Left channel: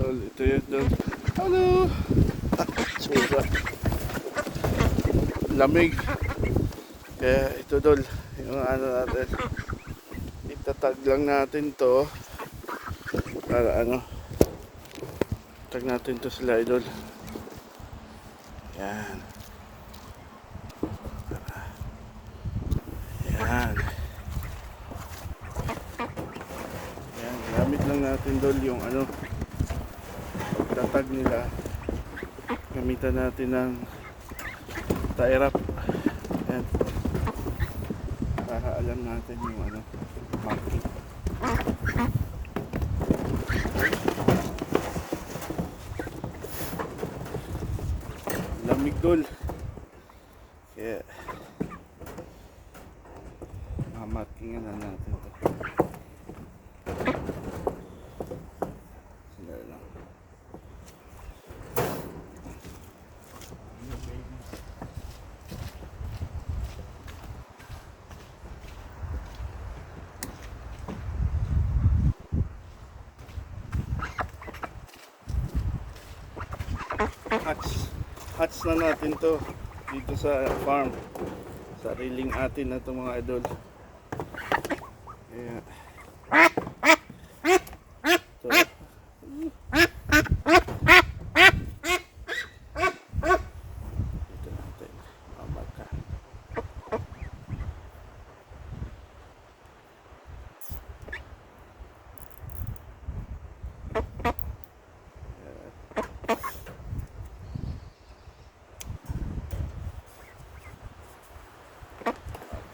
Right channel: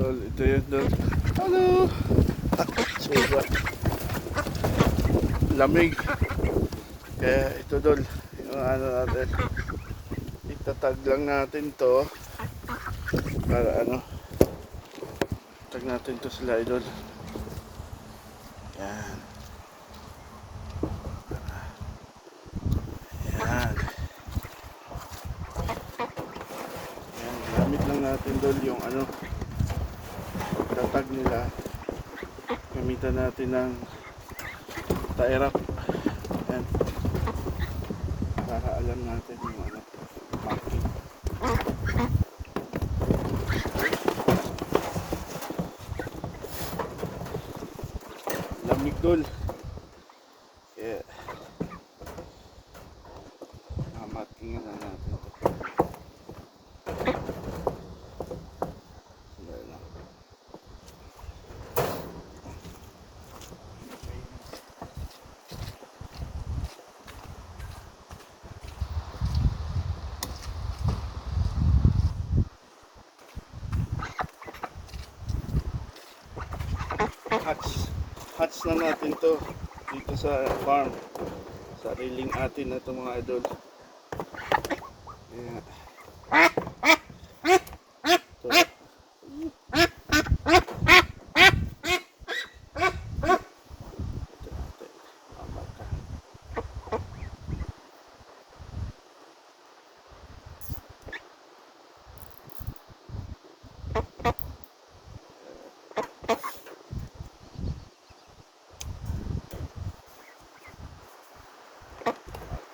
Dol, ito yun, Dol. Hello! Sobra. Lamig. Kaya ito, Dol. Yung ano natin. Itatag lang natin to. Para ano. Tag natin to sila, Idol. Yan. Yan. Yan. Gamit lang natin, Dol, yung ano. Tatag nila. Gamitan natin ng tairap. Yan. Para alam natin yung ano. Marking. Lamig, Dol. Kaya mamarkingan na natin ito. Sandali lang. Hatch na natin to dito sa farm. Sariling atin na to, mga idol. Ayan. Ito natin. Pambaka.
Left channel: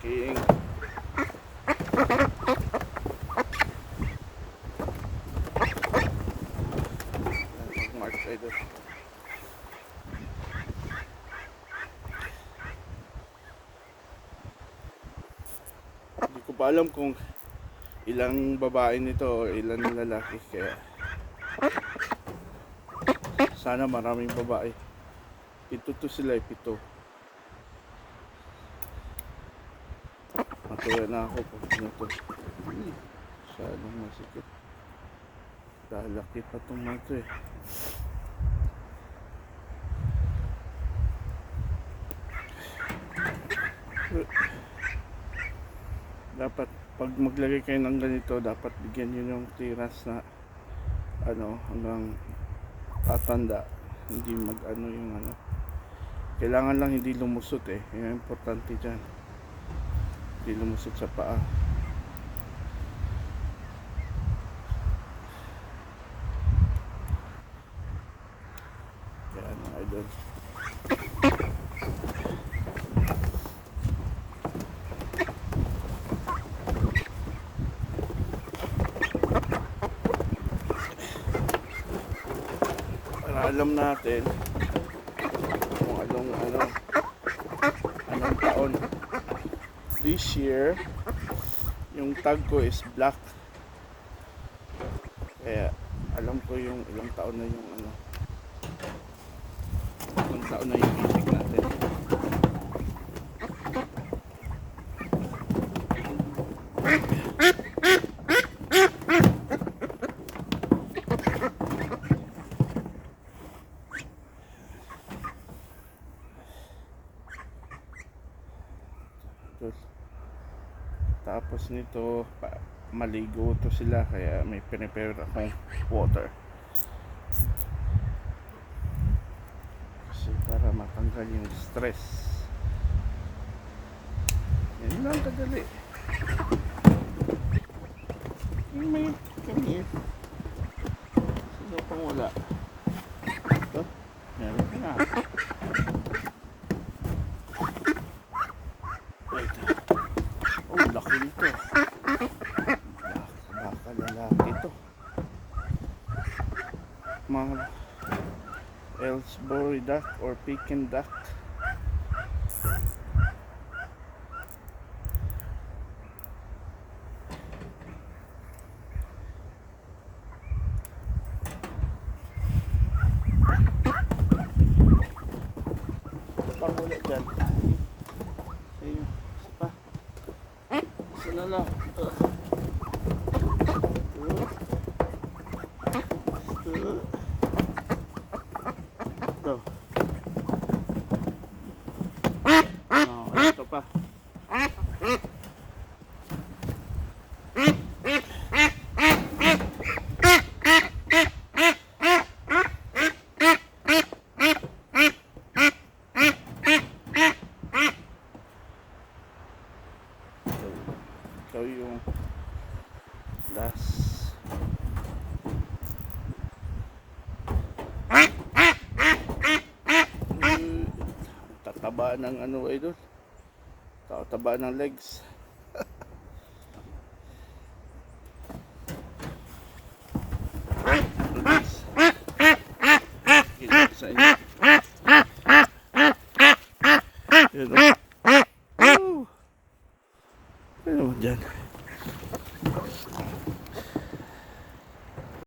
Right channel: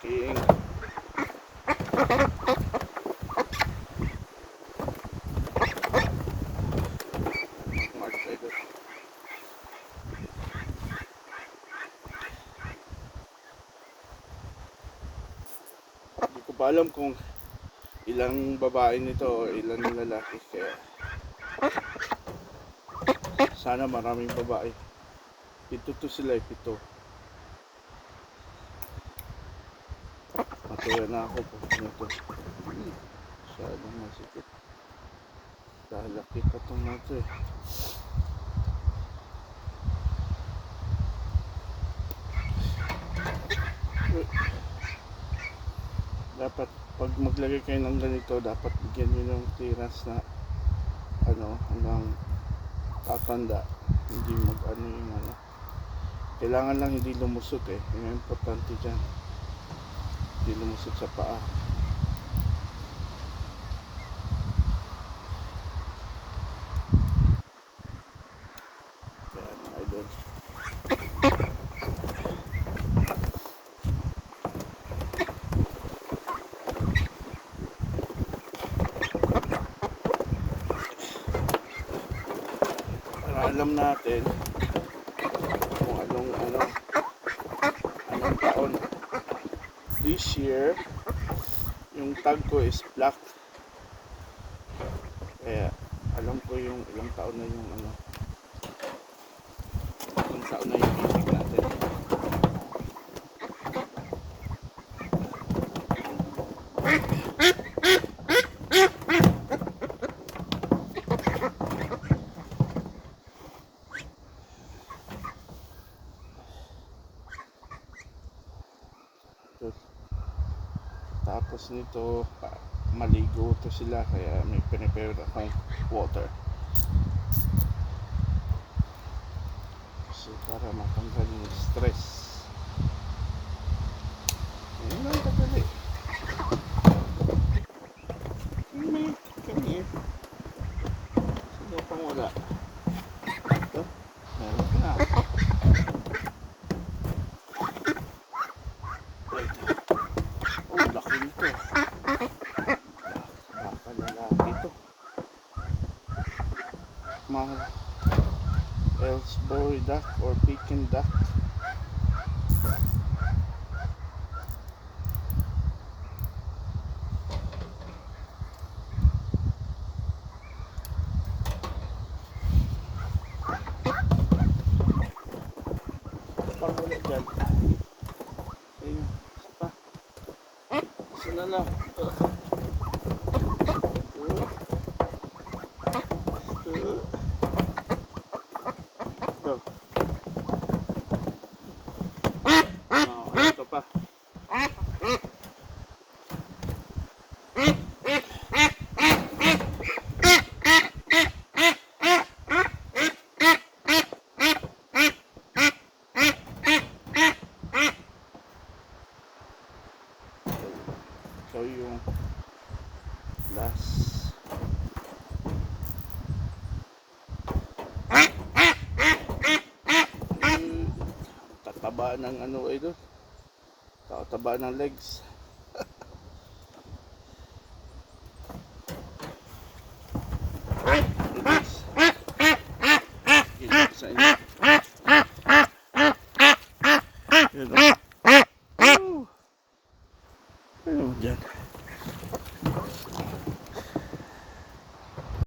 King. Mag-mark idol. Hindi ko pa alam kung ilang babae nito o ilang lalaki, kaya sana maraming babae. Pito to sila, pito. Matuwa na ako kung ano to. Masyadong masikip. Lalaki pa itong mato eh. Dapat pag maglagay kayo ng ganito, dapat bigyan nyo ng tiras na ano, hanggang tatanda. Hindi mag ano yung ano. Kailangan lang hindi lumusot eh. Yung importante dyan, hindi lumusot sa paa. Kaya mga idol, para alam natin kung anong taon. This year yung tag ko is black, kaya alam ko yung ilang taon na yung ano, ilang taon na yung itik natin. Tapos nito, maligo to sila, kaya may prepare akong water. Kasi para matanggal yung stress. Yan lang kadali. Come here. Sino pang wala? Ito, meron na. Wait. Oh, laki nito. Baka lalaki ito. Mga Ellsbury duck or Pekin duck. Pang wala dyan. Ayun, isa pa. Isa na lang. Ito. taba ng ano ay doon. Taba ng legs.